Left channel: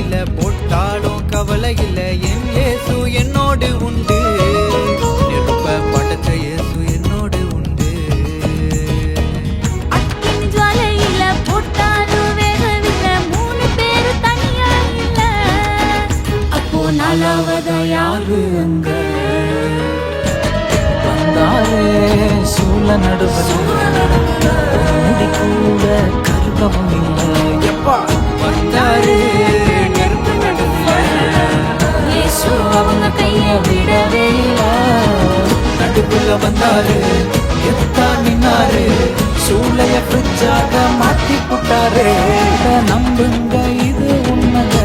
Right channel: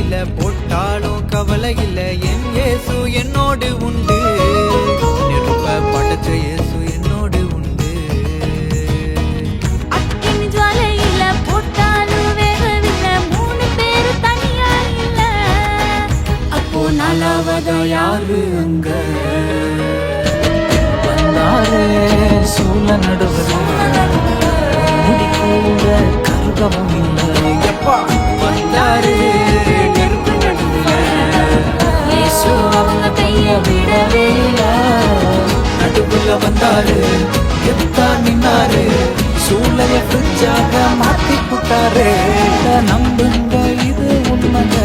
இல்ல போட்டாலும் கவலை இல்ல என் இயேசு என்னோடு உண்டு நெருப்ப படைச்ச இயேசு என்னோடு உண்டு அக்கினி ஜுவாலையில போட்டாலும் வேகவில்லை 3 பேரு தனியா இல்ல அப்போ நாலாவதா யாரு அங்க வந்தாரு சூழ நடுவல முடி கூட கருகவும் இல்லை எப்பா வந்தாரு நெருப்பு நடுவுல இயேசு அவங்க கைய விடவே இல்ல நடுவுல வந்தாரு எத்தா நின்னாரு சூளைய ஃப்ரிட்ஜாக மாத்தி புட்டாரு நம்புங்க இது உண்மைங்க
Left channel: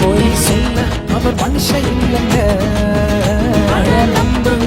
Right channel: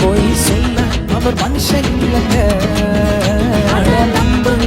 போய் சொல்ல அவர் மனுஷன் இல்லைங்க அட நம்புங்க